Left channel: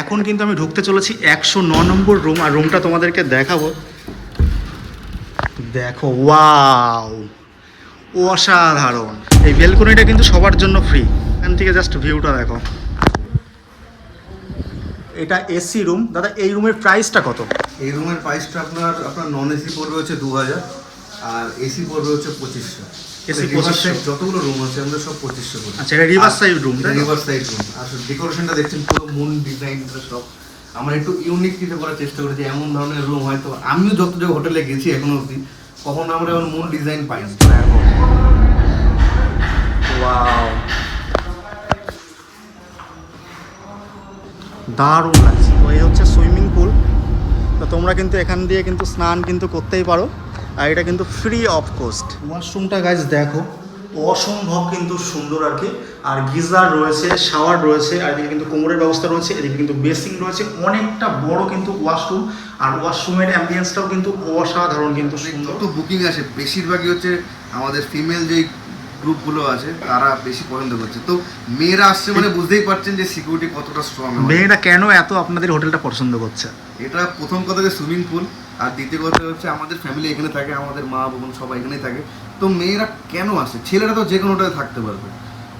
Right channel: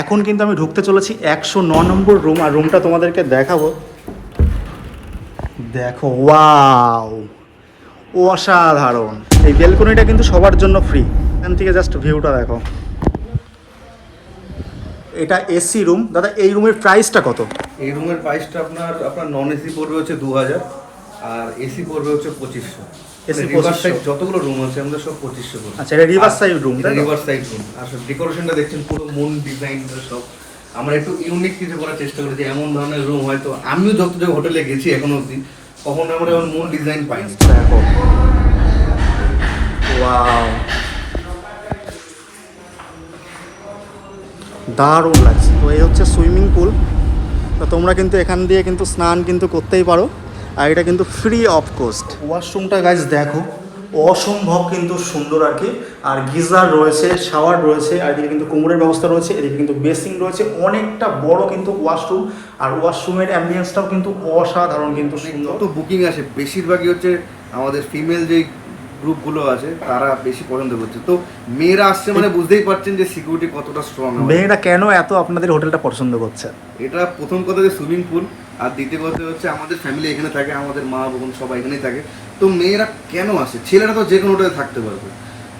এখন কিন্তু আমি ঢুকতে চলেছি একশো ন নম্বর রুম, আর রুমটা তোমাদেরকে দেখাবো। দেখো, ওয়াও, অসাধারণ। এই বেলকনিটা কিন্তু সবার জন্য ফ্রি এখান থেকে জাস্ট ভিউটা দেখো। এটা এসি রুম দাদা, এই রুমের প্রাইসটা কত? এই রুমের প্রাইসটা আপনার আপনার নন এসি পড়বে হচ্ছে দু হাজার আর এসি পড়বে হচ্ছে পঁচিশশো। AC রিভার সাইড যতগুলো রুম আছে আমাদের সব পঁচিশশো করে। আচ্ছা এটা river side room? River side room আর ডেকোরেশনটা দেখছেন পুরো মুন ডিজাইন সব। আমরা একটু ইউনিক কিছু করার চেষ্টা করেছি এমন ধরনের রুম হয়তো আমিও যত যে হোটেলে গেছি এখনও অবধি কখনো আমরা এমন মুন ডিজাইন পাইনি। ওয়াও দারুণ লাগছে। তো এই হচ্ছে সুইমিং পুল তো তোমরা কিন্তু এখান দিয়ে কিন্তু স্নান কিন্তু করতেই পারো। আর এটা কিন্তু ফ্রি অফ কোস্ট ওয়াশরুমটা গাইজ দেখো অসম্ভব কিন্তু সুন্দর আর কি। আর গিজার রয়েছে শাওয়ার রয়েছে আর এদিকে কিন্তু কোমরের ব্যবস্থা রয়েছে এদিকে কিন্তু বেসিং রয়েছে অনেকটা বড় কিন্তু ওয়াশরুম আর ওয়াশরুমের অ্যাম্বিয়েন্সটাও কিন্তু অসাধারণ কিন্তু সুন্দর। যত বুকিং আসে বেশিরভাগই হচ্ছে আমাদের ফিমেল যেই গ্রুপগুলো আছে তারা বেশি পছন্দ করছে। তো মেয়েরা আসছে মানে বুঝতেই পারছেন যে সিকিউরিটি কতটা স্ট্রং মেয়েরা কেন এত আপনাদের হোটেলটা পছন্দ করছে? এটা প্রথম কথা যে সুইমিং পুল আর দ্বিতীয় কথা হচ্ছে আমাদের ফ্যামিলি এখানে থাকে, আমাদের মা বোন সবাই এখানেই থাকে। তো মেয়েরা কেন আসে? ছেলেরা তো যে কোনো হোটেলে থাকতে পারবে।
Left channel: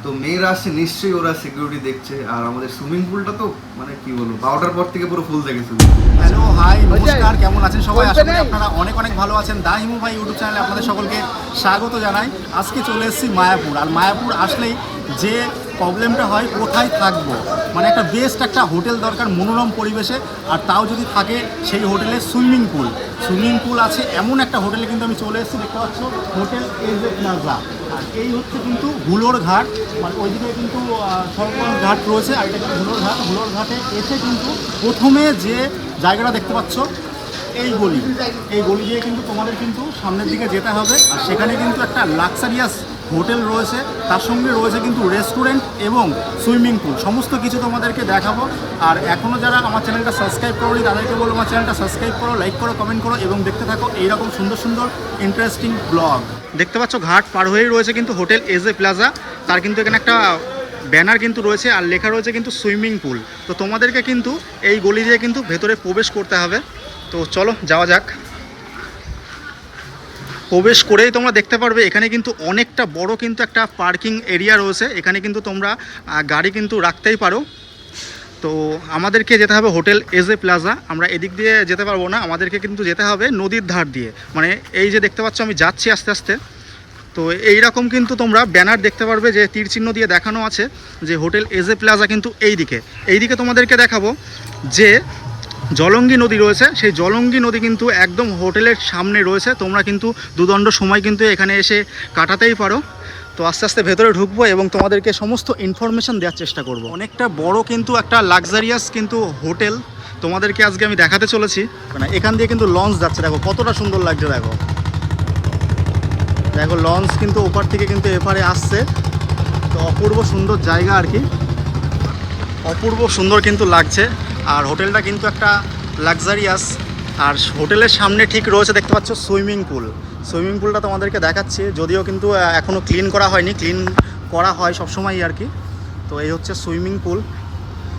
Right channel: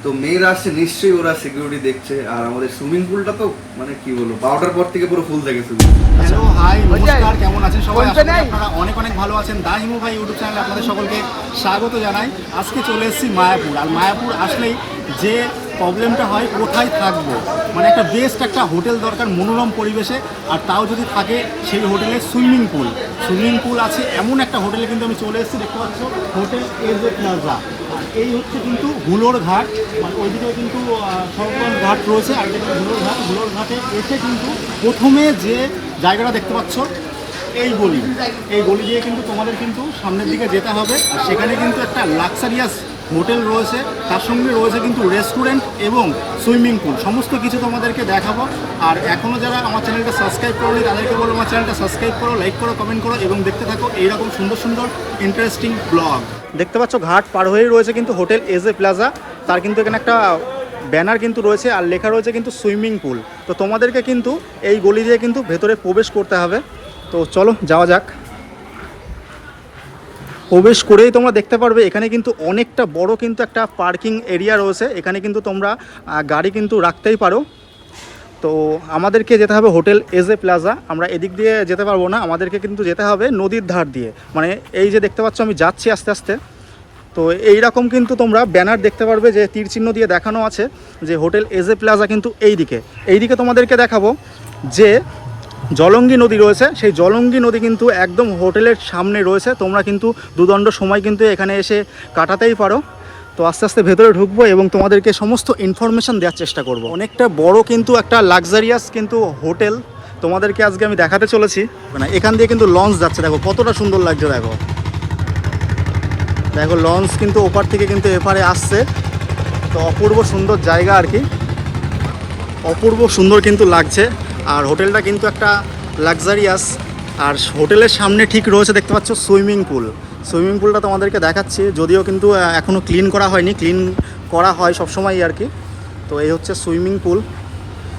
তো মেয়েরা আসছে নিশ্চয়ই ওরা সিকিউরিটি দেখছে। আর আমাদের সুইমিং পুলটা তো মানে কি বলব বারোটার পর থেকে পুরো ফুল থাকে সুইমিং হ্যালো হাই নমস্কার, কেমন আছেন সবাই? করি আপনারা অনেক অনেক ভালো আছেন। দা হিমু ভাই ইউটিউব চ্যানেলে আপনাদের সকলকে স্বাগত জানাই। আজকে চলে এসেছি মায়াপুর। আর মায়াপুর আসলেই যে প্রবলেমটা হয় কোথায় থাকব? মানে একটা বেস্ট একটা হোটেল দরকার মনোরম পরিবেশে, আর তাও যদি থাকে সেই হোটেলে সুইমিং পুল। সুইমিং পুল আছে এমন একটা হোটেলে কিন্তু আমি চলে এসেছি, দেখতে পাচ্ছ? Hotel age plaza. আর এই হচ্ছে কিন্তু হুলোর ঘাট। মানে ওইদিকে কিন্তু সরগঞ্জ ঘাট রয়েছে, আর এটা কিন্তু হুলোর ঘাট। হুলোর ঘাটে এসে কিন্তু প্রথমে যে জায়গাটা দেখতে পাচ্ছ, এই গলি। এই গলি দিয়ে কিন্তু তোমাদের কিন্তু সামনের দিকে যেতে হবে। আর সেখানে কিন্তু একটা লাক্সারিয়াস হোটেল রয়েছে, তার সঙ্গে রয়েছে কিন্তু রেস্টুরেন্ট এবং সুইমিং পুল। সমস্ত কিছু তোমাদেরকে দেখাবো। আর এখনও যারা আমার চ্যানেলটা সাবস্ক্রাইব করোনি, তাদেরকে বলব আমার চ্যানেলটা সাবস্ক্রাইব করো লাইক করো কমেন্ট করো এবং দেখতে থাকো এইরকম সুন্দর সুন্দর ইন্টারেস্টিং ব্লগ দেখতে পাচ্ছ ঘাট পার হয়েই রয়েছে কিন্তু হোটেল এজ এ প্লাজা। তার কিন্তু এখানে একটা ব্যানার কিন্তু রয়েছে আর লেখা রয়েছে কিন্তু সুইমিং পুল। তো তোমাদেরকে কিন্তু এই গলি দিয়ে কিন্তু ভেতরে প্রবেশ করতে হবে। তো চলো, যাওয়া যাক। প্রবেশ করেই তোমরা দেখতে পারবে, এখানে কিন্তু অনেকটা বড় কিন্তু একটা পার্কিং এরিয়া রয়েছে, এখানে কিন্তু তোমরা গাড়ি কিন্তু রাখতেই পারো। তো আমাদেরকে যেতে হবে হোটেল এজ এ প্লাজা, আমরা এদিক দিয়ে যেতে পারব না, আমাদেরকে কিন্তু যেতে হবে নদীর ধার দিয়ে। মানে এই যে দেখতে পাচ্ছ, আমি যাচ্ছি আস্তে আস্তে। তো এই রকম কিন্তু তোমরা ব্যানার দেখতে পারবে যে তীর চিহ্ন দিয়ে দেখানো আছে, যে হোটেল এজ এ প্লাজা কিন্তু এই দিকে এই দিকে তোমাদেরকে দেখাবো যে জলঙ্গি নদী রয়েছে। সেই জলঙ্গি নদী কিন্তু একদম হোটেলের সামনে রয়েছে। তোমরা কিন্তু দুদণ্ড সময় কিন্তু এখানে এসে কাটাতেই পারো। তো আস্তে আস্তে ভেতরে ঢুকবো এবং তোমাদেরকে সমস্ত ইনফরমেশন দেওয়ার চেষ্টা করব। অনেকটা বড় কিন্তু একটা লাক্সারিয়াস কিন্তু হোটেল তোমাদেরকে আজকে আমি দেখাতে চলেছি। মানে এখান দিয়ে কিন্তু লঞ্চ যাচ্ছে। দেখো, কতটা সুন্দর লাগছে, দেখো। দেখো লঞ্চ কিন্তু ওপার থেকে কিন্তু এপারে আসছে। তো অপূর্ব সুন্দর জায়গা আর কি। অপূর্ব সুন্দর কিন্তু লাগছে। আর হোটেলটা কিন্তু একটা লাক্সারিয়াস আর হোটেলের সামনে ঠিক রয়েছে দেখতে পাচ্ছ সুইমিং পুল। সুইমিং পুলটা তোমাদেরকে দেখাচ্ছি, যদিও কিন্তু এখনও ক্লিন করা হয়নি ক্লিন করা হয় সবসময় আর কি। তো এই হচ্ছে সুইমিং পুল।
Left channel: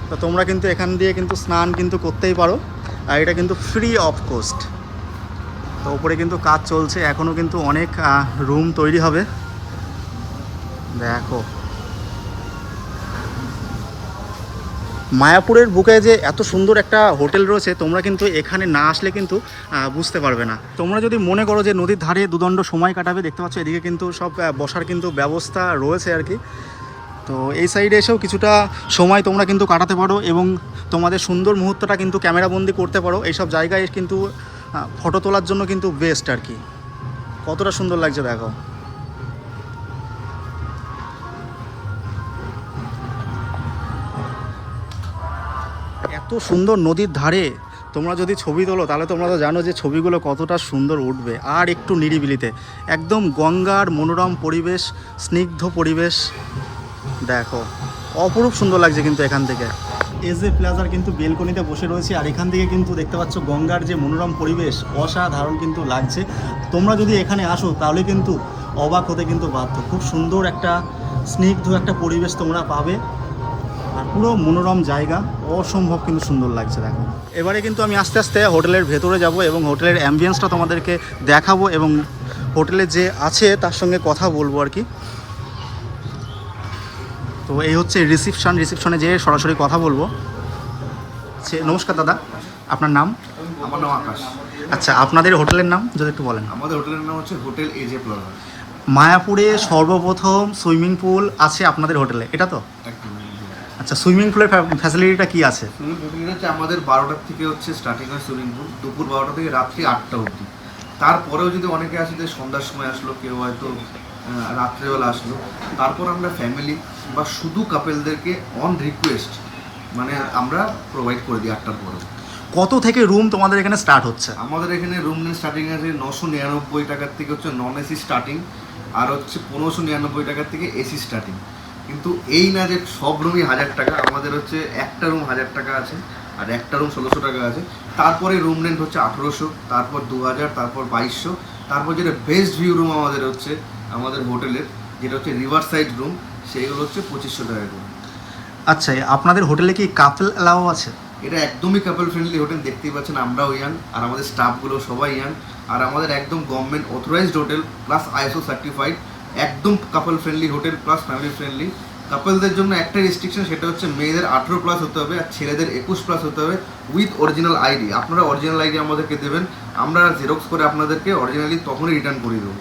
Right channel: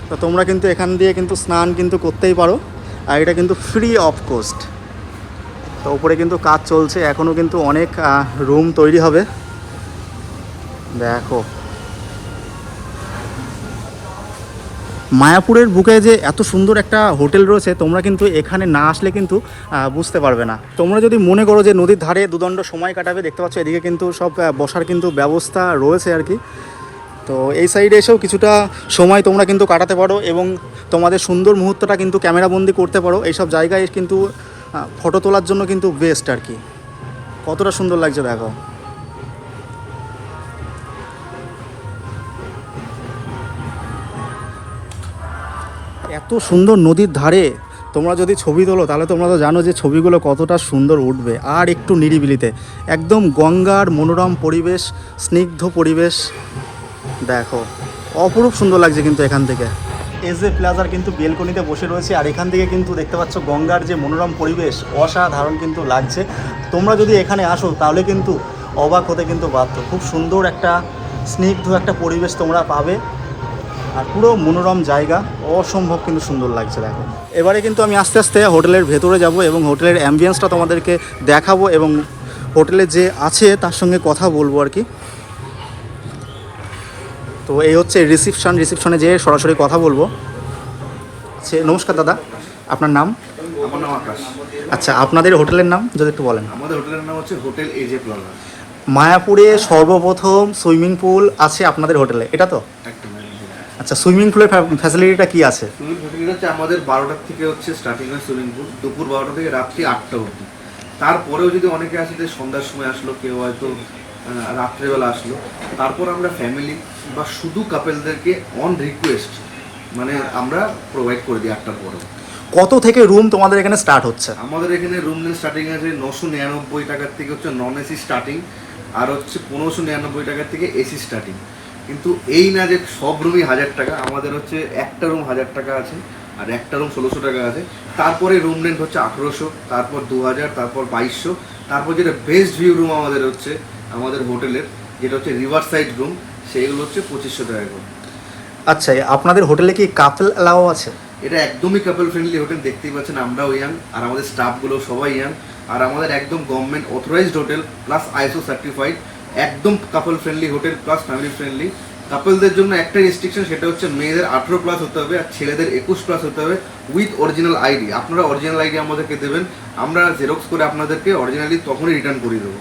তো তোমরা কিন্তু এখান দিয়ে কিন্তু স্নান কিন্তু করতেই পারো। আর এটা কিন্তু ফ্রি অফ কোস্ট তো উপরে কিন্তু কাজ চলছে এখনও কিন্তু অনেক রুম তৈরি হবে। দেখো। মায়াপুরের বুকে যে এত সুন্দর একটা হোটেল রয়েছে, তোমরা কিন্তু এখানে না আসলে কিন্তু বুঝতে পারবে না। তোমরা যদি মনে করো যে নদীর ধারে দুদণ্ড সময় কাটাবে, দেখতে পাচ্ছ এদিকে কিন্তু সব বসার কিন্তু ব্যবস্থা রয়েছে আর কি। তো এই সাইডে এসেও কিছুটা সময় তোমরা কিন্তু কাটাতে পারো এবং তোমাদের সুন্দর মুহূর্তটা কিন্তু ক্যামেরাবন্দি করতে পারো। এইসব জায়গায় কিন্তু ফটো তোলার জন্য কিন্তু বেস্ট আর কি। কতটা সুন্দর লাগছে, দেখো। সুন্দর নদীর ধারে তোমরা যদি ছবি তোলো, তাহলে তোমরা তো জানো যে ছবিগুলো কতটা সুন্দর উঠবে। আর একটু নিরিবিলিতে, একদম গঙ্গার মনোরম পরিবেশ, স্নিগ্ধ পরিবেশ। দেখো, অপরূপ সুন্দর লাগছে কিন্তু এখান থেকে। এস এ প্লাজার কিন্তু বেলকনিতে বসে রয়েছে, আর এখান থেকে কিন্তু দেখতে পাচ্ছ গঙ্গার যে মনোরম পরিবেশ, অসাধারণ কিন্তু লাগছে। তোমরা যদি এখানে আসো, তাহলে কিন্তু অবাক হতে কিন্তু বাধ্য। খুব সুন্দর একটা, স্নিগ্ধ একটা পরিবেশ তোমরা পাবে। আর পুরো মনোরম জায়গা। অসম্ভব কিন্তু সুন্দর লাগছে দেখো। এবারে কিন্তু আমি আস্তে আস্তে হোটেলের ভেতরে যাব এবং হোটেলের অ্যাম্বিয়েন্সটা তোমাদেরকে দেখাবো এবং হোটেলে যে আছে তার সঙ্গে কথা বলব আর কি। তো এই হচ্ছে রিসিপশন রিসিপশনে যেয়ে সরাসরি কথা বলব। আচ্ছা নমস্কার দাদা আপনার নাম? আমার নাম আকাশ। আচ্ছা আপনাদের হোটেলের নাম যদি একটু বলেন। আমাদের হোটেলের নাম হচ্ছে হোটেল এজে প্লাজা। মায়াপুরে সর্বপ্রথম সুইমিং পুল আছে আপনাদের হোটেলে এটা তো? একটা আচ্ছা সুইমিং পুলের ফ্যাসিলিটিটা কি আছে? সুইমিং পুল হচ্ছে আমাদের বারোটার থেকে হচ্ছে স্টার্টিং হয় সুইমিং পুল দুপুর বারোটা থেকে রাত্রি আটটা অবধি। তারপরেও যদি অনেকে আসে যে সন্ধ্যার সময় আসলো কেউ হয়তো রাত্রেবেলা আসলো তারপর আমরা ফ্যামিলি বা শুধু কাপেলদেরকে অন রিকোয়েস্ট মানে আমরা প্রোভাইড করে দিই আটটার পরেও কত থেকে রুম তোমাদের এখানে স্টার্ট হচ্ছে? আমাদের এখানে রুম নেট স্টার্টিং আছে নশো নিরানব্বই টাকার থেকে হচ্ছে নন এসি স্টার্টিং আর হচ্ছে পনেরোশো নিরানব্বই টাকার থেকে এসি স্টার্টিং কিন্তু এই না যে সব রুমই হাজার টাকা আমাদের হচ্ছে একটা রুম হাজার টাকা আছে আর একটা রুম ষোলোশো টাকা আছে। তারপরে রুম রেন্ট হচ্ছে আঠেরোশো তারপর দু হাজার তারপর বাইশশো তারপর যেটা বেস্ট ভিউ রুম আমাদের হচ্ছে আমাদের হোটেলের যেটা হচ্ছে রিভার সাইড রুম সেইগুলো হচ্ছে পঁচিশশো টাকা করে। আচ্ছা আপনাদের হোটেলে কি কাপল অ্যালাও আছে? এটা একদমই কাপল ফ্রেন্ডলি হোটেল দেখতেই পাচ্ছেন আমরাও ইয়াং আর আমাদের স্টাফগুলো সবাই ইয়াং আর আমাদের একদম government authorised hotel plus ISO certified একদম couple friendly hotel plus family friendly কাপলদের জন্য একটা রেস্ট্রিকশন সেটা হচ্ছে মেয়েদের আঠেরো প্লাস হতে হবে আর ছেলেদের একুশ প্লাস হতে হবে উইথ অরিজিনাল আইডি আপনারা অরিজিনাল আইডি আমাদেরকে দেবেন আমরা জেরক্স করে আপনাদেরকে অরিজিনালি তখনই রিটার্ন করে দেবো।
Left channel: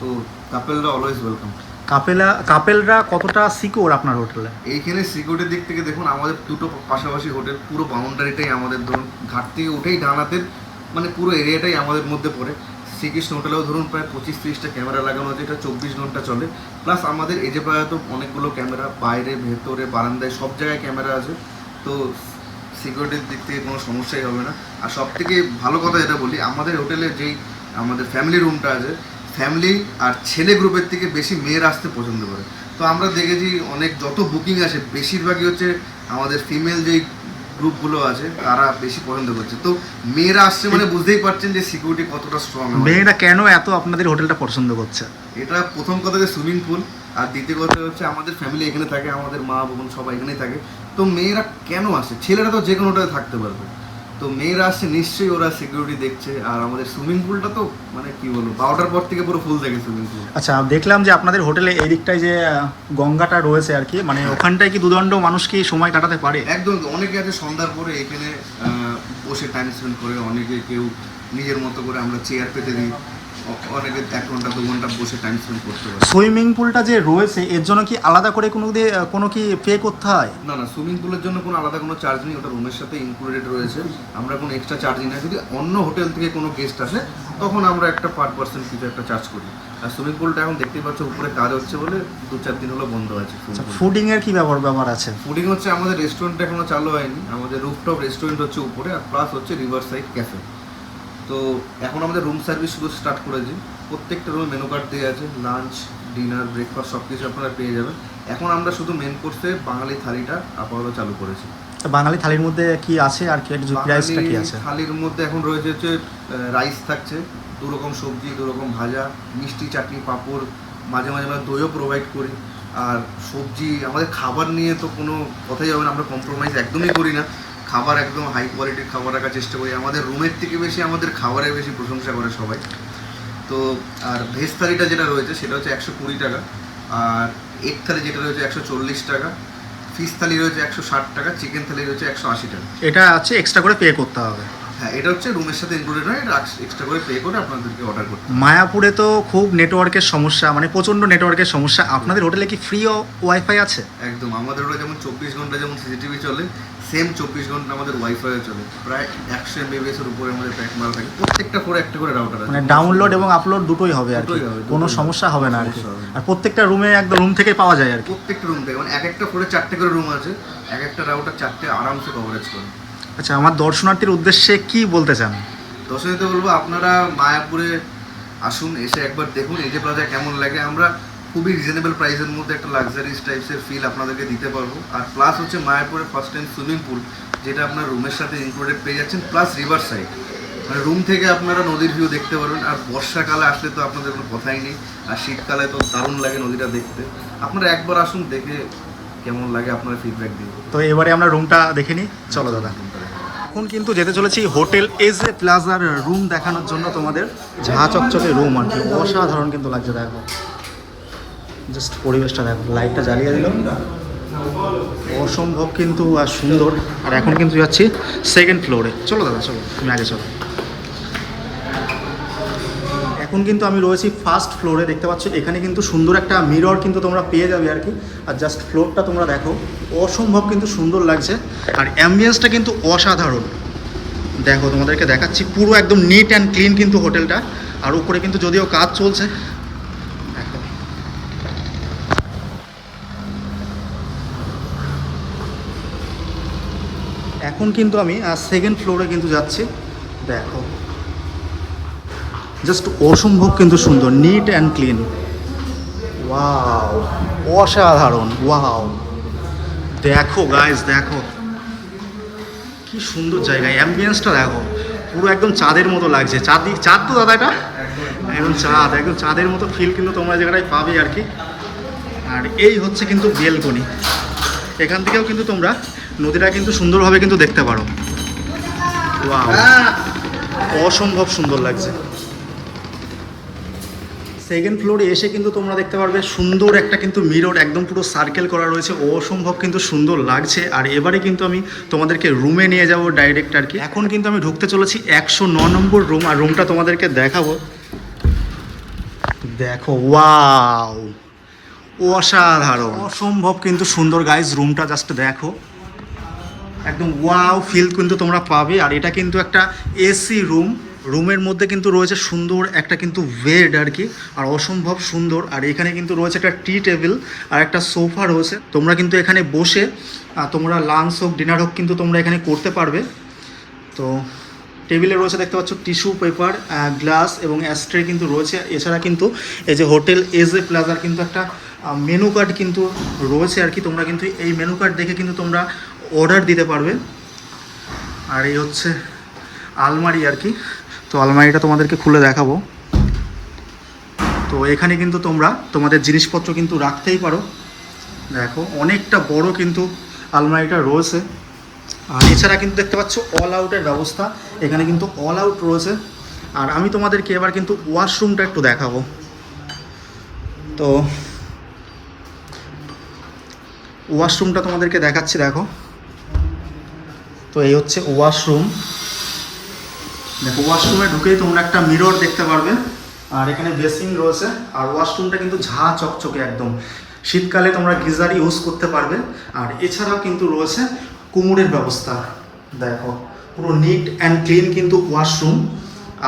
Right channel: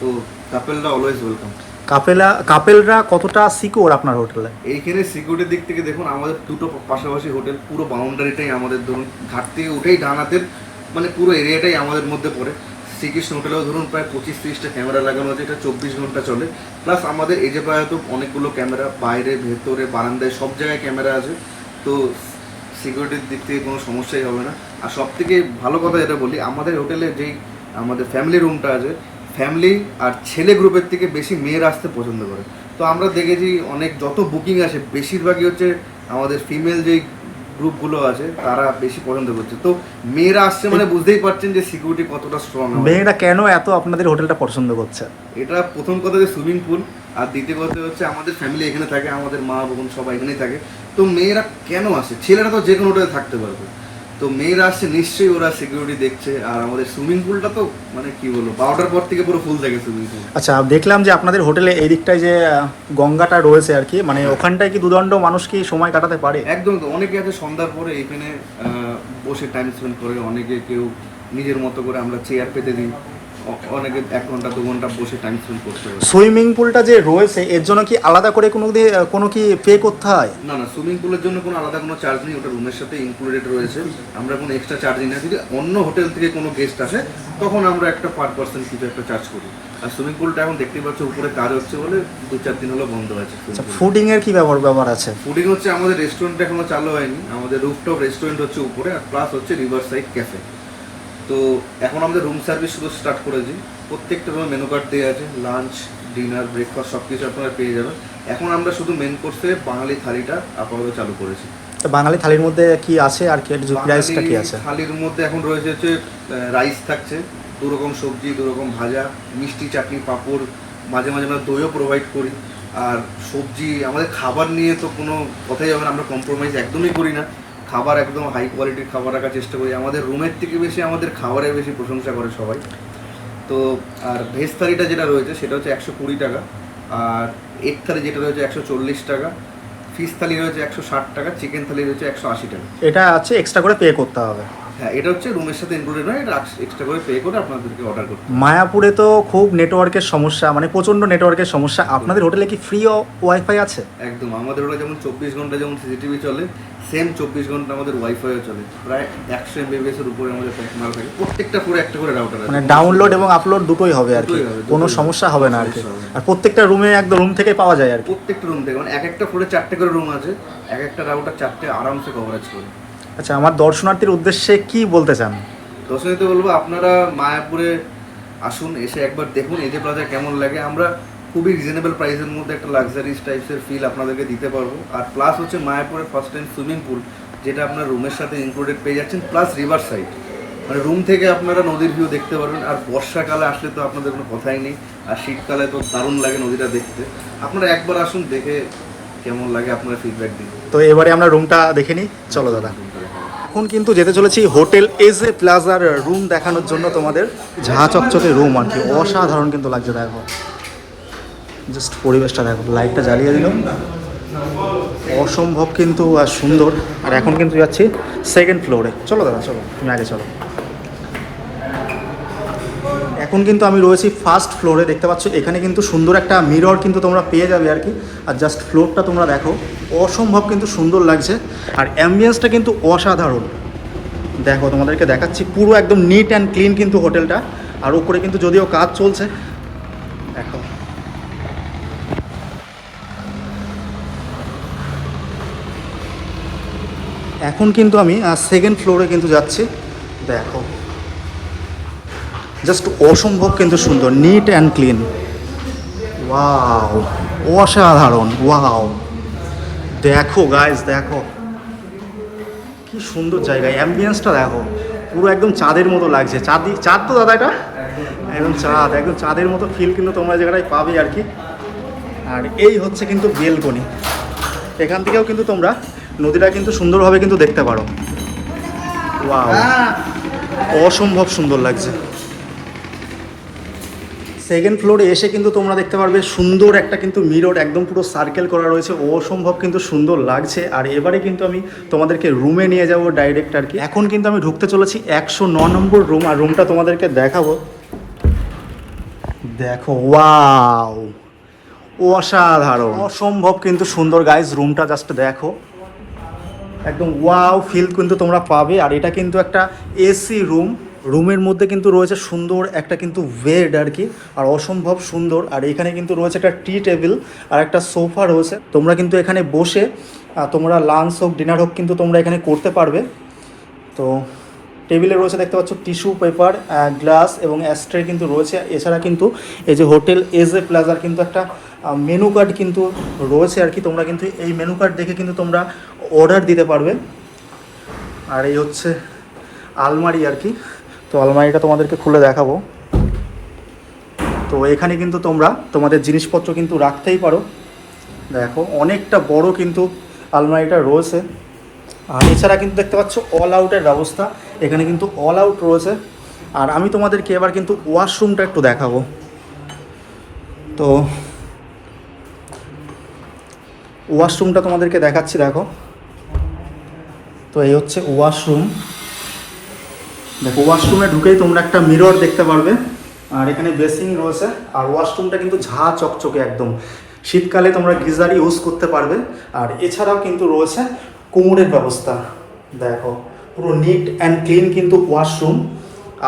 তো কাপেলরা অলওয়েজ ওয়েলকাম কাপেলা কাপেলরা কতটা সিকিউর আপনার হোটেলে? এইখানে সিকিউরিটির দিক থেকে দেখুন আমাদের দুটো পাশাপাশি হোটেল পুরো বাউন্ডারিটাই আমাদের ধরুন ঘাট থেকে উঠেই ডান হাতের মানে পুরো এরিয়াটাই আমাদের মধ্যে পড়ে। শ্রীকৃষ্ণ হোটেলেও ধরুন প্রায় পঁচিশ তিরিশটা ক্যামেরা লাগানো আছে, এটা চব্বিশ ঘণ্টা চলে। প্লাস আমাদের এজে প্রায় তো অনেকগুলো ক্যামেরা, বাইরে, ভেতরে, বারান্দায়, সব জায়গায় ক্যামেরা আছে। তো সিকিউরিটির দিক থেকে কোনো সমস্যাই হবে না। আর সব থেকে ভালো কথা যেটা বলি, আমাদের হোটেলে যেই আমাদের ফ্যামিলি রুমটা আছে ফ্যামিলি আর ছেলে গ্রুপের থেকে বেশি মেয়েরা আসতে পছন্দ করে। তো আমরা দেখেছি অনেক, যত বুকিং আসে, বেশিরভাগই হচ্ছে আমাদের ফিমেল যেই গ্রুপগুলো আছে তারা বেশি পছন্দ করছে। তো মেয়েরা আসছে মানে বুঝতেই পারছেন যে সিকিউরিটি কতটা স্ট্রং মেয়েরা কেন এত আপনাদের হোটেলটা পছন্দ করছে? এটা প্রথম কথা যে সুইমিং পুল আর দ্বিতীয় কথা হচ্ছে আমাদের ফ্যামিলি এখানে থাকে আমাদের মা বোন সবাই এখানেই থাকে। তো মেয়েরা কেন আসে? ছেলেরা তো যে কোনো হোটেলে থাকতে পারবে। তো মেয়েরা আসছে নিশ্চয়ই ওরা সিকিউরিটি দেখছে। আর আমাদের সুইমিং পুলটা তো মানে কি বলব বারোটার পর থেকে পুরো ফুল থাকে সুইমিং পুল আচ্ছা দেখলাম যে আপনাদের হোটেলে এই দিকটায় যে গঙ্গাটা রয়েছে আর কি মানে ওখানটায় কি দুদণ্ড মানুষ কি সময় কাটাতে পারে? একদম তো। অনেকে আছে সন্ধ্যার পরে এখানে বসে টাইম স্পেন্ড করে অনেকে কেউ নিজের মতো করে আমরা চেয়ার পেতে দিই। অনেকে এক ঘণ্টা দু ঘণ্টা বসে টাইম স্পেন্ড করতে পারে। সুইমিং পুলটা যে রয়েছে এর জন্য কি আলাদা করে কোনো কোনো কি পে করতে হয়? না না সুইমিং পুলের জন্য কোনো আলাদা কোনো চার্জ নেই ওটা রুমের সাথে ইনক্লুডেড রয়েছে। আমরা কোনো এক্সট্রা চার্জ নিই। না যদি অন্য হোটেল থেকে কোনো গেস্ট আসে তখন আমরা একটা পার পার্সন কিছু একটা চার্জ করি। আর সুইমিং পুলটা এখন দেখতেই পাচ্ছ উপরে কাজ হচ্ছে বলে দু চার দিন হলো বন্ধ হয়েছে ফুডিং এর কি ব্যাপার ব্যাপার আছে? ফুডিং হচ্ছে আমাদের রেস্টুরেন্ট এখনও চালু হয়নি। আমাদের রুফটপ রেস্টুরেন্ট হচ্ছে উপরে আর প্লাস হচ্ছে রিভার সাইড ক্যাফে তো এখন আমাদের রুম সার্ভিস শুধু স্টার্ট করেছি। প্রত্যেকটা রুমে মেনু কার্ড দেওয়া আছে লাঞ্চ ডিনার ব্রেকফাস্ট সব কিছু আপনারা পেয়ে যাবেন। এখন আমরা শুধু মেন কোর্সে বাঙালি থালিটা আপাতত চালু করেছি। তো বাঙালি থালির মধ্যে কি আছে আর কি প্রাইসটা কি আছে? থালির মধ্যে এখন রয়েছে হচ্ছে রাইস থাকছে দু রকম সবজি দু রকম ভাজা মিষ্টি চাটনি পাঁপড় মাঝে মাঝে আমরা দইও প্রোভাইড করি। আর সবজি আমাদের খাবার নিয়ে তো কোনো কথাই হবে না আমরা কম্প্রোমাইজ একদমই করি না। খাবার একদম হাই কোয়ালিটির খাবার রাখার চেষ্টা করি। আমাদের রুমের থেকে বেশি আমাদের খাবারের বেশি প্রশংসা করে সবাই। তো, আর ভেজ থালিটা যেটা রয়েছে, সেটা হচ্ছে একশো কুড়ি টাকা। আর এগ থালি যেটা রয়েছে, একশো চল্লিশ টাকা। ফিশ থালি রয়েছে একশো ষাট টাকা। চিকেন থালি রয়েছে একশো আশি টাকা। এটা আছে এক্সট্রা করে পে করতে হবে। হ্যাঁ এটা হচ্ছে রুমের সাথে ইনক্লুডেড নয় এটা এক্সট্রা করে পে করে আপনাদেরকে অর্ডার করতে মায়াপুরে তো খুব নেটওয়ার্কের সমস্যা মানে প্রচণ্ড নেটওয়ার্কের সমস্যা। আপনাদের হোটেলে কি ফ্রি ওয়াইফাই আছে? একদম আমাদের ওরা যেমন চব্বিশ ঘণ্টা যেমন সিসিটিভি চলে সেম চব্বিশ ঘণ্টা আমাদের ওয়াইফাইও চলে। প্রায় একশো এমবিবিএস এর উপরে আমাদের প্যাক মাল থাকে প্রত্যেকটা ফ্লোরে একটা করে রাউটার আছে। মানে ডাউনলোড এবং আপলোড দুটোই হবে আর কি। কোনো সমস্যা হবে না আর কি। আর প্রত্যেকটা রুমে একদম রুম থেকে পাওয়া যায় আর কি। প্রত্যেকটা রুম থেকে মানে এক একটা ফ্লোরে চারটে করে রুম আছে এক একটা রাউটার চারটে আরামসে কভারেজ করে। আচ্ছা আমার দর্শনার্থীর উদ্দেশ্যে কি বলতে চান? দর্শনীতে বলব আপনারা মায়াপুরে আসুন এসে একবার দেখুন এজে প্লাজা কেমন লাগে। আমরা খুবই রিজনেবল প্রাইসের মধ্যে একটা লাক্সারিস টাইপসের ফিল আপনাদেরকে দিতে পারব। আর প্লাস হচ্ছে মায়াপুরে ফার্স্ট টাইম সুইমিং পুল যেটা আপনার রুমের সাথে ইনক্লুডেড পেয়ে যাচ্ছেন প্লাস রিভার সাইড মানে রুম থেকে আপনারা নদীর ভিউ দেখতে পারবেন আর বর্ষাকালে আসলে তো আপনাদের কোনো কথাই নেই আর শীতকালে তো দারুণ লাগে নদীটা দেখতে। আপনারা একবার আসুন দেখে কেমন লাগে আপনারা ফিডব্যাক দিন। তো এবারে আমরা রুমটা দেখে নিই। চলো দাদা। এখন কিন্তু যেতে চলেছি হোটেল এজ এ প্লাজার রুম দেখানোর জন্য তোমাদের। ঝাঁ চকচকে রুম আর কি। অসাধারণ কিন্তু লাগছে, দেখো। জাস্ট পরিবেশটা দেখো লাইটটা জ্বালিয়ে দিল। অসম্ভব কিন্তু আর সুন্দর। আর এখন কিন্তু যাচ্ছি সেকেন্ড ফ্লোরে চলো দাদা, চলো, তুমি আগে চলো। এখন কিন্তু আমি রয়েছি ফার্স্ট ফ্লোরে দেখতে পাচ্ছ, এখানে কিন্তু সুন্দর একটা মিরর কিন্তু তোমরা পেয়ে যাবে আর কি। আর জাস্ট ফ্লোরটা তোমরা দেখো, অসম্ভব কিন্তু সুন্দর লাগছে। আর অ্যাম্বিয়েন্সটা কিন্তু অসাধারণ। দেখো, তোমাদেরকে দেখাচ্ছি পুরো একদম নিট অ্যান্ড ক্লিন কিন্তু হোটেলটা। আর উপরে কিন্তু যদিও কাজ চলছে, দেখো। এখন কিন্তু আমি সেকেন্ড ফ্লোরে কিন্তু যাচ্ছি। দেখো। জাস্ট অসম্ভব কিন্তু সুন্দর নিট অ্যান্ড ক্লিন অসাধারণ ওয়াও দেখো গাইস দেখো। কি সুন্দর জায়গা অ্যাম্বিয়েন্সটা দেখো। পুরো একদম চাঁদের মতো লাগছে। চাঁদ চাঁদ তো দাদা এটা? একদম চাঁদ, একদম চাঁদের মতো ফিল কিন্তু তোমরা জায়গাটায় পাবে আর কি। আর এই হচ্ছে কিন্তু বেলকনি। এখান থেকেও কিন্তু তোমরা নদীটা কিন্তু সুন্দরভাবে কিন্তু দেখতে পারো। অসম্ভব সুন্দর লাগছে। সেকেন্ড ফ্লোরে এসে কিন্তু তোমরা দেখতে পারবে সুন্দর একটা কিন্তু মিরর একদম পুরো সার্কেল করা রয়েছে। অসম্ভব কিন্তু সুন্দর লাগছে। আর এবারে কিন্তু আমি তোমাদেরকে রুমে নিয়ে যাব ডাইরেক্ট আর কি। এখন কিন্তু আমি ঢুকতে চলেছি একশো ন নম্বর রুম আর রুমটা তোমাদেরকে দেখাবো। দেখো ওয়াও অসাধারণ। অসম্ভব কিন্তু সুন্দর গাইজ রুমটা জাস্ট দেখো। একদম ওয়াও ফিল কিন্তু তোমরা পাবে। আর এটা কিন্তু একটা এসি রুম রুমের মধ্যে কিন্তু রয়েছে সুন্দর একটা কিন্তু বেড আর কি, আর অসম্ভব সুন্দর। আর এখানে কিন্তু রয়েছে একটা টি টেবিল আর একটা সোফা রয়েছে। তোমরা কিন্তু এখানে বসে তোমরা লাঞ্চ হোক, ডিনার হোক কিন্তু তোমরা এখানে করতে পারবে। তো টেবিলে রয়েছে দেখতে পাচ্ছ টিস্যু পেপার গ্লাস এবং অ্যাস্ট্রে কিন্তু রয়েছে। এছাড়া কিন্তু এই যে হোটেল এজ এ প্লাজার কিন্তু একটা মেনু কার্ড কিন্তু রয়েছে আর কি। তোমরা কিন্তু এই মেনু কার্ড দেখে কিন্তু তোমরা অর্ডার দিতে পারবে। আর এই হচ্ছে আলমারি আর কি। তো আলমারিটা তোমাদেরকে খুলে দেখাবো। তো এখানে কিন্তু তোমরা তোমাদের জিনিসপত্র কিন্তু রাখতেই পারো। দেখো, অনেকটা বড় কিন্তু আলমারিটা রয়েছে। আর এছাড়া কিন্তু দেখতে পাচ্ছ অল আউটের ব্যবস্থা। এখানে কিন্তু অল আউট রয়েছে। আর আমি তোমাদেরকে এবার কিন্তু ওয়াশরুমটা একটু দেখাবো। তো ওয়াশরুমটা তোমাদেরকে দেখাচ্ছি, দেখো। তো এই হচ্ছে ওয়াশরুম দেখো ওয়াশরুমে ঢুকেই তোমরা একটা মিরর দেখতে পারবে। আর এখানে বেসিং রয়েছে। আর ওয়াশরুমটা কিন্তু ঝা চকচকে একদম। শীতকালে তোমরা গিজার ইউজ করতে পারবে। আর এছাড়াও কিন্তু রয়েছে কোমরের ব্যবস্থা। দেখো, পুরো নিট অ্যান্ড ক্লিন কিন্তু ওয়াশরুম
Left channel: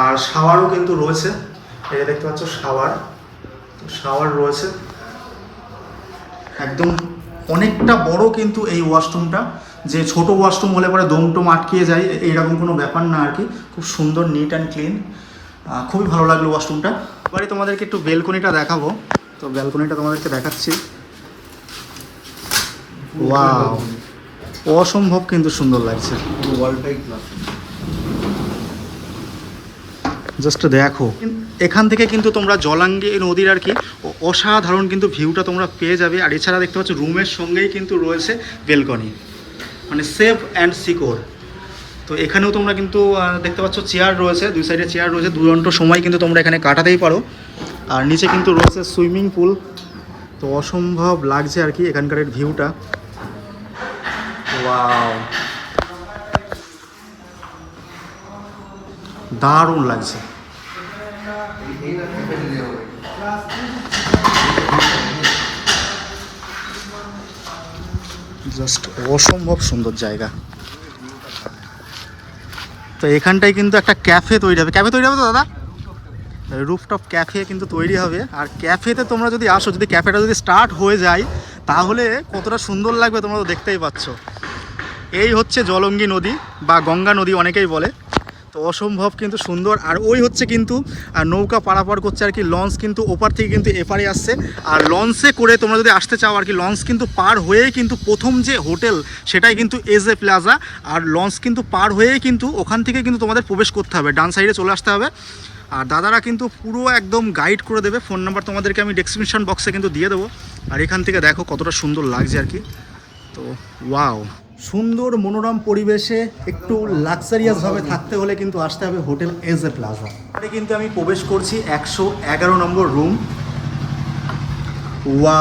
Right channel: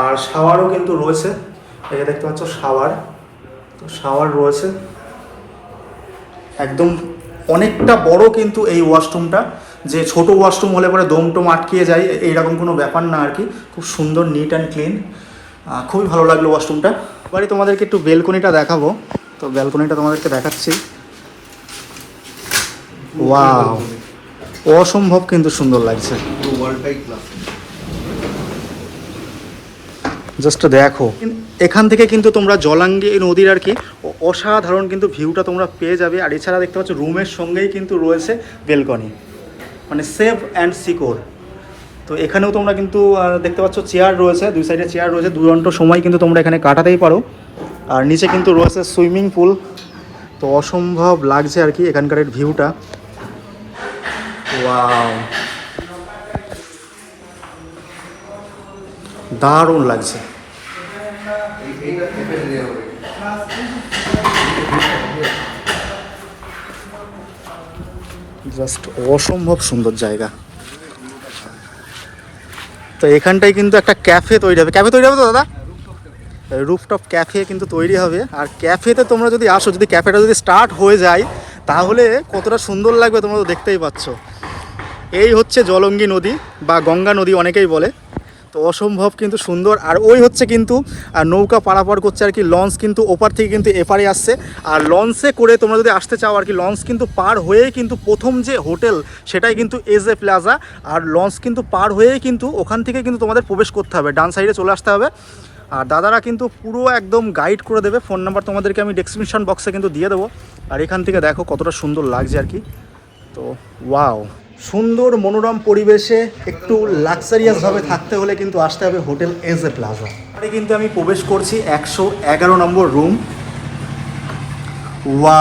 আর শাওয়ারও কিন্তু রয়েছে। এই যে দেখতে পাচ্ছ শাওয়ার তো শাওয়ার রয়েছে। একদম অনেকটা বড় কিন্তু এই ওয়াশরুমটা যে ছোট ওয়াশরুম হলে পরে দম টম আটকিয়ে যায় এইরকম কোনো ব্যাপার না আর কি। খুব সুন্দর নিট অ্যান্ড ক্লিন খুবই ভালো লাগল ওয়াশরুমটা এবারে তোমাদেরকে একটু বেলকনিটা দেখাবো। তো বেলকনিটা তোমাদেরকে দেখাচ্ছি। ওয়াও অসম্ভব কিন্তু সুন্দর লাগছে। জাস্ট দেখো। এখান থেকে কিন্তু তোমরা জলাঙ্গি নদীর আর কি অসাধারণ কিন্তু ভিউটা তোমরা পেয়ে যাবে। আর এছাড়া দেখতে পাচ্ছ রুমের সঙ্গেই কিন্তু রয়েছে বেলকনি মানে সেফ অ্যান্ড সিকোর তো এখানেও তোমরা কিন্তু দেখতে পাচ্ছ চেয়ার রয়েছে, দুই সাইডে চেয়ার রয়েছে দু ঘণ্টা সময় কিন্তু তোমরা এখানে কাটাতেই পারো। আর নিচে কিন্তু রয়েছে সুইমিং পুল। তো অসম্ভব লাগছে আর কি এখানকার ভিউটা। দারুণ লাগছে। জাস্ট অসম্ভব সুন্দর জায়গা। তো এখানটায় কিন্তু একটা ক্যাফে তৈরি হবে। ক্যাফে তৈরি হবে তো, দাদা? রুফটপ ক্যাফে কিন্তু তৈরি হবে। আর ক্যাফেতে তোমরা যদি আসো, যদি ক্যাফেটা যদি স্টার্ট হয়ে যায়, তাহলে কতটা সুন্দর লাগবে তোমরা তো দেখতেই পাচ্ছ। এই হচ্ছে জলঙ্গি নদী বা গঙ্গা নদী অনেকেই বলে। তো অসম্ভব কিন্তু সুন্দর। আর ওই হচ্ছে কিন্তু নৌকা পারাপার করছে আর কি, লঞ্চ কিন্তু ওপার থেকে কিন্তু এপারে আসছে। আর লঞ্চে করে তোমরা যদি আসতে চাও আর কি, লঞ্চ কিন্তু পার হয়েই কিন্তু প্রথম যে হোটেল, সেটাই কিন্তু এজ এ প্লাজা। আর লঞ্চ কিন্তু পার হয়েই কিন্তু ওখান থেকে কিন্তু তোমাদের প্রবেশ করতে হবে, ডান সাইডে চলে আসতে হবে। আর দাদারা কিন্তু পুরো একদম গাইড করে দেবে ফোন নাম্বার তোমাদেরকে আমি ডেসক্রিপশন বক্সে কিন্তু দিয়ে দেবো। আর এখান থেকে দেখো কতটা সুন্দর লাগছে আর কি। তো ওয়াও সুন্দর মনোরম পরিবেশে একটু লাক্সারিয়াস ভাবে থাকতে হলে কিন্তু আসতে হবে হোটেল এজ এ প্লাজা। এখানে কিন্তু আমি প্রবেশ করছি একশো এগারো নম্বর রুম। ওয়া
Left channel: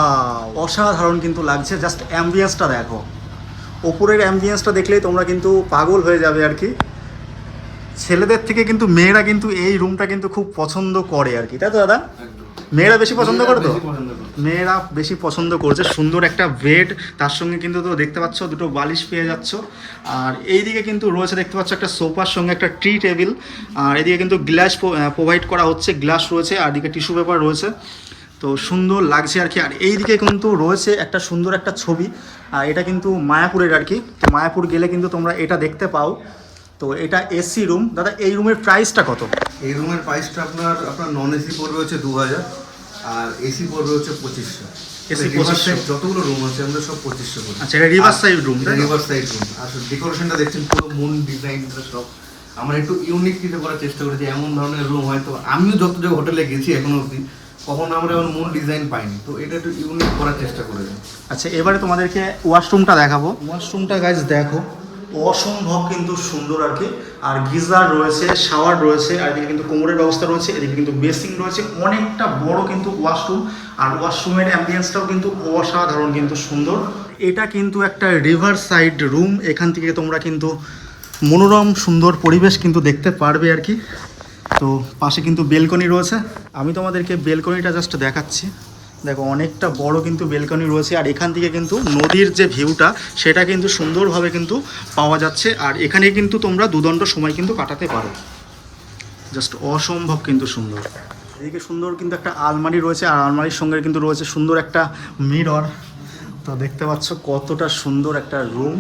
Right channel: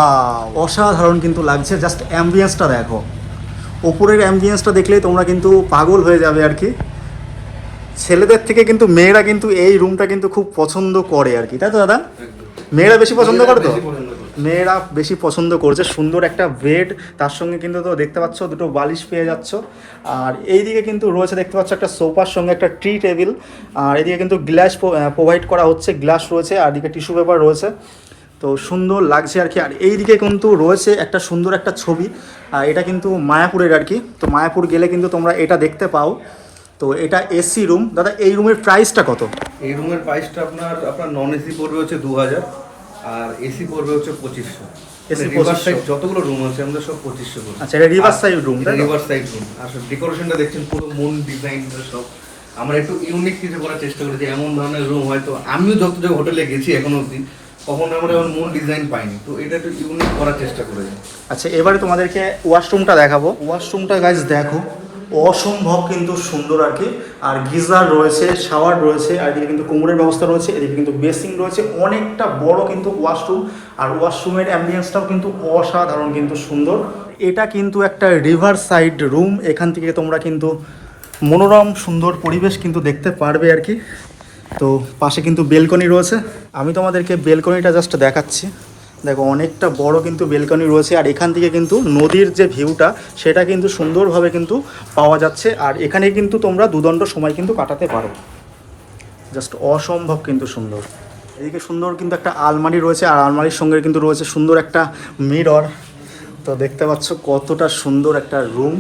অসাধারণ কিন্তু লাগছে। জাস্ট অ্যাম্বিয়েন্সটা দেখো। ওপরের অ্যাম্বিয়েন্সটা দেখলেই তোমরা কিন্তু পাগল হয়ে যাবে আর কি। ছেলেদের থেকে কিন্তু মেয়েরা কিন্তু এই রুমটা কিন্তু খুব পছন্দ করে আর কি। তাই তো দাদা? মেয়েরা বেশি পছন্দ করে তো। মেয়েরা বেশি পছন্দ করছে। সুন্দর একটা বেড তার সঙ্গে কিন্তু তো দেখতে পাচ্ছ দুটো বালিশ পেয়ে যাচ্ছ। আর এইদিকে কিন্তু রয়েছে, দেখতে পাচ্ছ একটা সোফার সঙ্গে একটা ট্রি টেবিল আর এদিকে কিন্তু গ্লাস প্রোভাইড করা হচ্ছে গ্লাস রয়েছে, আর এদিকে টিস্যু পেপার রয়েছে। তো সুন্দর লাগছে আর কি। আর এইদিকে কিন্তু রয়েছে একটা সুন্দর একটা ছবি, আর এটা কিন্তু মায়াপুরের আর কি। তো মায়াপুর গেলে কিন্তু তোমরা এটা দেখতে পাও। তো এটা এসি রুম দাদা, এই রুমের প্রাইসটা কত? এই রুমের প্রাইসটা আপনার আপনার নন এসি পড়বে হচ্ছে দু হাজার আর এসি পড়বে হচ্ছে পঁচিশশো। AC রিভার সাইড যতগুলো রুম আছে আমরা সব পঁচিশশো করি। আচ্ছা এটা রিভার সাইড রুম তাই তো? রিভার সাইড রুম আর ডেকোরেশনটা দেখছেন পুরো মুন ডিজাইন সব। আমরা একটু ইউনিক কিছু করার চেষ্টা করেছি এমন ধরনের রুম হয়তো। আমিও যত জায়গায় হোটেলে গেছি এখনও অবধি কখনো আমরা এমন মুন ডিজাইন পাইনি। তো এটা একটু ইউনিক করার চেষ্টা করেছি। আচ্ছা এবারে তোমাদেরকে ওয়াশরুমটা দেখাবো। ওয়াশরুমটা গাইজ দেখো। অসম্ভব কিন্তু সুন্দর আর কি। আর গিজার রয়েছে, শাওয়ার রয়েছে, আর এদিকে কিন্তু কোমরের ব্যবস্থা রয়েছে, এদিকে কিন্তু বেসিং রয়েছে। অনেকটা বড় কিন্তু ওয়াশরুম, আর ওয়াশরুমের অ্যাম্বিয়েন্সটাও কিন্তু অসাধারণ কিন্তু সুন্দর। এটা কিন্তু একটা রিভার সাইড রুম, এখান থেকে তোমরা কিন্তু মনোরম, সুন্দর পরিবেশ কিন্তু দেখতে পারবে আর কি। তো পাশে কিন্তু বেলকনি রয়েছে। আমি তোমাদেরকে বেলকনিটা জাস্ট দেখাচ্ছি। দেখো, অনেকটা বড় কিন্তু বেলকনি রয়েছে, আর এখান থেকে কিন্তু নদীর যে ভিউটা, সেটা কিন্তু সুন্দরভাবে কিন্তু পাওয়া যাচ্ছে, আর এখানে কিন্তু তোমরা দুদণ্ড সময় কিন্তু কাটাতে পারো। জাস্ট অসম্ভব কিন্তু সুন্দর। এদিকে সুন্দর কিন্তু একটা আলমারি রয়েছে, আর আলমারির সঙ্গে কিন্তু রয়েছে সুন্দর একটা মিরর। তো দেখতে পাচ্ছ কতটা সুন্দর একটা রুম।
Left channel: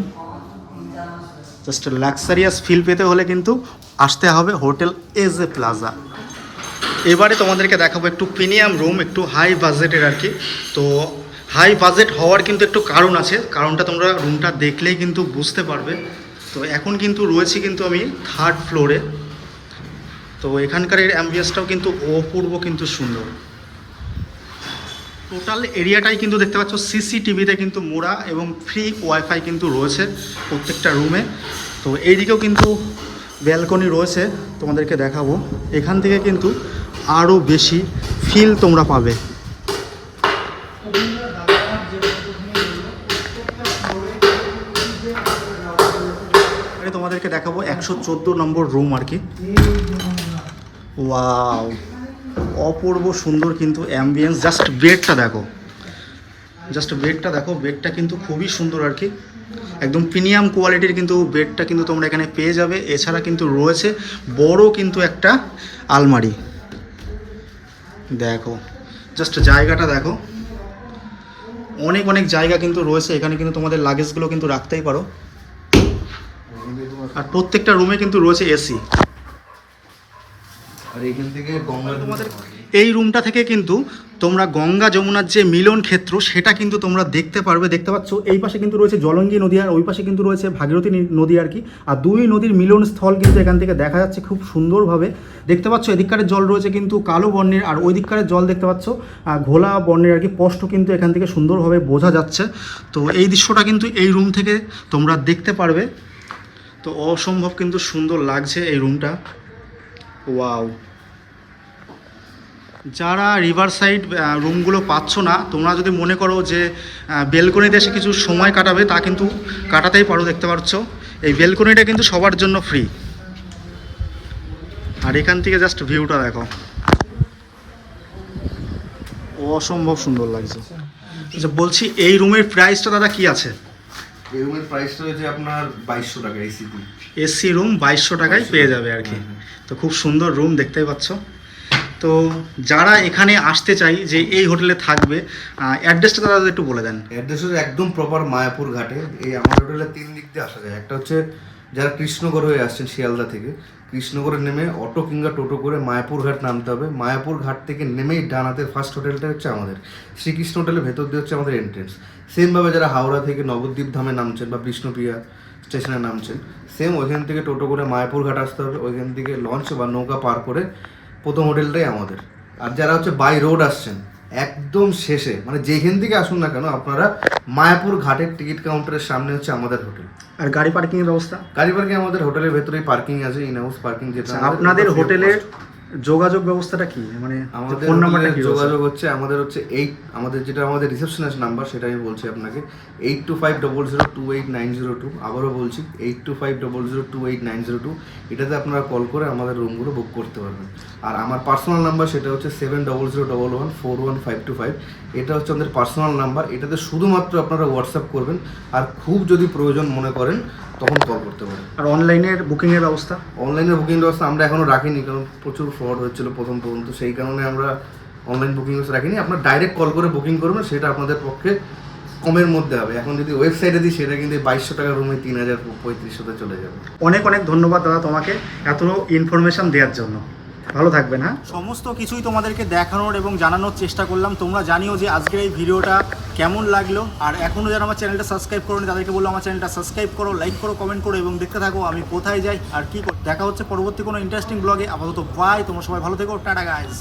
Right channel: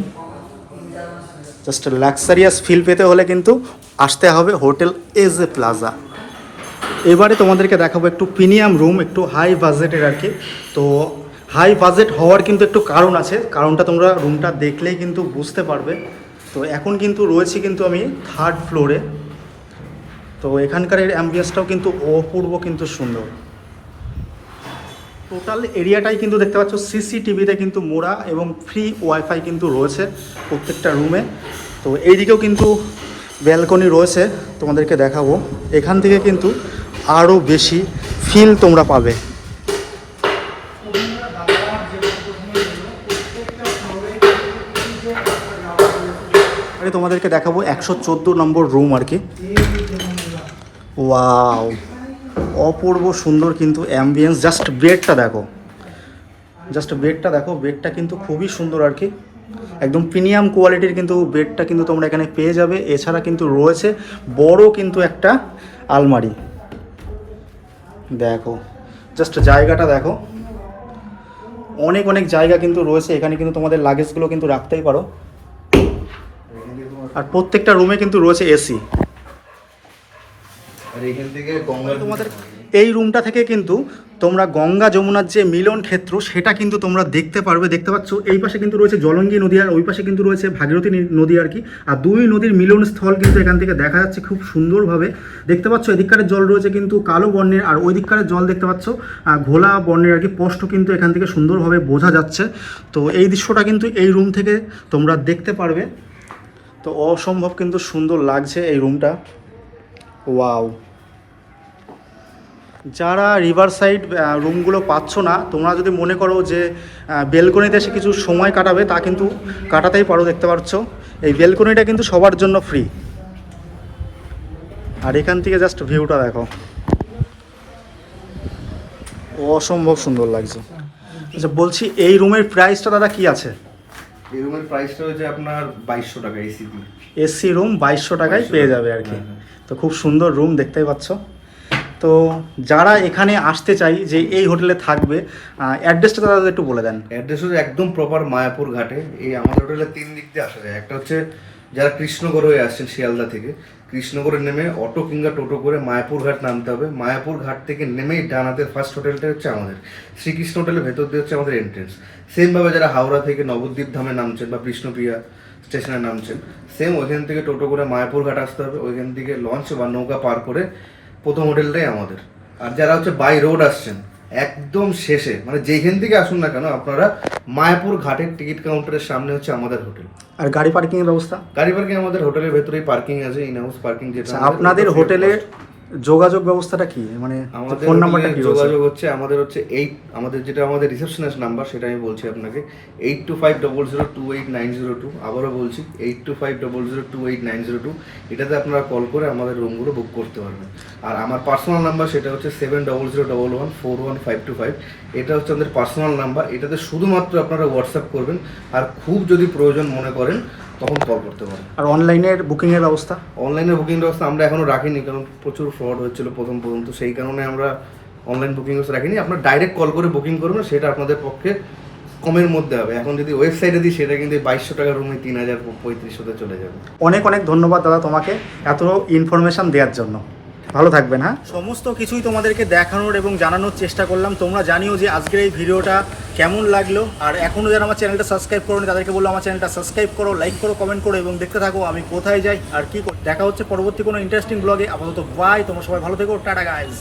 জাস্ট লাক্সারিয়াস ফিল পেতে হলে কিন্তু আসতে হবে হোটেল এজ এ প্লাজা। এবারে তোমাদেরকে দেখাবো একটু প্রিমিয়াম রুম, একটু হাই বাজেটের আর কি। তো হাই বাজেট হওয়ার কিন্তু একটু কারণ আছে। কারণটা তোমরা রুমটা দেখলেই কিন্তু বুঝতে পারবে। তো এখন কিন্তু রয়েছে কিন্তু আমি থার্ড ফ্লোরে তো এখানকার এর অ্যাম্বিয়েন্সটাও কিন্তু অপূর্ব কিন্তু সুন্দর। টোটাল এরিয়াটাই কিন্তু দেখতে পাচ্ছ সিসিটিভিতে কিন্তু মোড়া এবং ফ্রি ওয়াইফাই কিন্তু রয়েছে প্রত্যেকটা রুমে তো এইদিকেও কিন্তু ব্যালকনি রয়েছে, তোমাদেরকে দেখাবো। এখান থেকে কিন্তু আরও বেশি ফিল তোমরা পাবে। তোমাদেরকে দেখাবো একশো চোদ্দ নম্বর রুম আর কি। ওয়াও অপূর্ব সুন্দর কিন্তু অ্যাম্বিয়েন্স জাস্ট বেডটা দেখো। জাস্ট বেডটা দেখো বেডটা কিন্তু খুবই সুন্দর আর কি। একদম প্রিমিয়াম কোয়ালিটির কিন্তু বেডটা কিন্তু তোমরা এখানে পেয়ে যাবে। এছাড়া কিন্তু রয়েছে বড় কিন্তু একটা আলমারি। দেখো জাস্ট জায়গাটা দেখো। অনেক অনেক জায়গা কিন্তু রয়েছে। এখানে কিন্তু তোমাদের লাগেজগুলো কিন্তু রাখতেই পারো। আর প্রত্যেকটা রুমে কিন্তু রয়েছে এসি আর এখান থেকে গঙ্গা তোমাদের এই রুমটা থেকে কিন্তু তোমরা গঙ্গা যমুনার যে মিলন ক্ষেত্র, সেটা কিন্তু তোমরা দেখতে পারবে, দেখতে পাচ্ছ। এই পাশে কিন্তু রয়েছে জলঙ্গি নদী আর ওই পাশে কিন্তু রয়েছে ভাগীরথী নদী আর কি। আর দুই নদীর মিলন স্থল কিন্তু এখান থেকে দেখা যাচ্ছে খুব সুন্দরভাবে। দেখতে পাচ্ছ, এদিককারের জল রয়েছে কিন্তু কালো বর্ণের, আর ওই দিককারের জল দেখতে পাচ্ছ ঘোলা বর্ণের আর কি স্পষ্ট কিন্তু এখান থেকে সুন্দরভাবে বোঝা যাচ্ছে। তো এই দৃশ্যটা কিন্তু এই রুম থেকে তোমরা দেখতে পারবে। তো অসম্ভব কিন্তু সুন্দর লাগছে এই রুমটা। ওয়াও। যারা রিভার সাইড রুমগুলো পাচ্ছ না তোমরা যদি মনে করো যে বেলকনিতে এসে কিছু সময় কাটাবে তা কিন্তু কাটাতেই পারো দেখতে পাচ্ছ। এই বেলকনিটা কিন্তু সবার জন্য ফ্রি। আর এখান থেকে জাস্ট ভিউটা দেখো। অসম্ভব সুন্দর লাগছে। আচ্ছা বলছি এই রুমের প্রাইসটা দাদা কি আছে? এই রুমের প্রাইসটা হচ্ছে আপনার বাইশশো টাকা এসিপি এসি রুম বাইশশো টাকায় পেয়ে যাবে আর কি। হ্যাঁ, হ্যাঁ। তো খুব সুন্দর রুম দেখতেই পাচ্ছ। তো যারা এখানে আসতে চাই যে এই হোটেলে থাকবে অ্যাড্রেসটা দাদা একটু বলে দেন। অ্যাড্রেস হচ্ছে একদম প্রপার মায়াপুর ঘাটে। এই আমার হোটেলে তিন দিক দিয়ে আসা যায়। একটা হচ্ছে যারা কৃষ্ণগড় হয়ে আসছেন শিয়ালদা থেকে কৃষ্ণগড়ে নেমে অটো কিংবা টোটো করে মায়াপুর ঘাট নামতে হবে। মায়াপুর ঘাট থেকে নেমেই ডানাতে ফার্স্ট হোটেলটা হচ্ছে আমাদের। শ্রীকৃষ্ণ হোটেলের ভেতর দিয়ে হচ্ছে আমাদের এন্ট্রেন্স সেমভাবে যারা হাওড়া থেকে নবদ্বীপ ধামে নামছেন বা বিষ্ণুপ্রিয়া স্টেশনে নামছেন সেম ওইখান থেকে টোটো করে মায়াপুর ঘাট আসতে হবে। ওইখান থেকে লঞ্চ বা নৌকা পার করে প্রথম হোটেলটাই আমাদের। আর যারা হচ্ছে বাই রোড আসছেন একদম শেষে মানে যেখান থেকে আসুন না কেন আপনারা মায়াপুর ঘাটের টিকিট কাউন্টারের সামনে হচ্ছে আমাদের হোটেল আর গাড়ি পার্কিং এর ব্যবস্থা? গাড়ি পার্কিং আমাদের হোটেলের ভেতরেই পার্কিং আছে ইন হাউস পার্কিং যেটা আচ্ছা, আপনাদের হোটেলের। যোগাযোগ ব্যবস্থাটা কি? মানে আমাদের ফোন নাম্বারটা কি যোগাযোগ হচ্ছে আমাদের হচ্ছে এইট আমাদের যেটা আমাদের রিসেপশনিস্ট নাম্বার সেটা আমি বলছি আপনাকে। Eight two five double zero two eight nine zero two আবারও বলছি eight two five double zero two eight nine zero two এটাতে আপনারা কল করে আমাদের রুমগুলো বুক করতে পারবেন। আর আমার পার্সোনাল নাম্বার সেটা হচ্ছে seven double zero double one four one five two five এটা হচ্ছে আমাদের পার্সোনাল নাম্বার এটাতে শুধুমাত্র আপনারা হোয়াটসঅ্যাপ করবেন আর খুব যদি প্রয়োজন মনে করেন তখন কল করতে পারেন। আর অনলাইনের বুকিংয়ের ব্যবস্থা? অনলাইনে বুকিং ব্যবস্থা আমরা এখনও রাখিনি কারণ প্রচুর ফ্রড হচ্ছিল প্রথম প্রথম তো সেই কারণে আমরা অনলাইন বুকিং ব্যবস্থা রাখিনি। আপনার ডাইরেক্ট কল করে বুকিং করবেন সেটা আপনাদের পক্ষে কমের মধ্যে হবে। এখন যদি ওয়েবসাইটে দিই সেটা কিন্তু বাইশশো টাকার রুমে তিন হাজার পঁয়ত্রিশশোতে চলে যাবে। অনেক অনেক ধন্যবাদ দাদা তোমাকে এত ইনফরমেশন দেওয়ার জন্য। ভালো থাকবেন হ্যাঁ সমস্ত কিছুই তোমাদেরকে দেখানোর এবং জানানোর চেষ্টা করলাম। তোমরা জানিও যে আজকের এই ভিডিওটা কেমন লাগল। আর এখনও যারা আমার চ্যানেলটা সাবস্ক্রাইব করো তাদেরকে বলল আমার চ্যানেলটা সাবস্ক্রাইব করো, লাইক করো, কমেন্ট করো এবং দেখতে থাকো আমি কোথায় যাই আর কি। দেখা হচ্ছে পরবর্তী কোনো ইন্টারেস্টিং ব্লগে আপাতত বাই তোমরা সবাই ভালো থেকো, টাটা গাইজ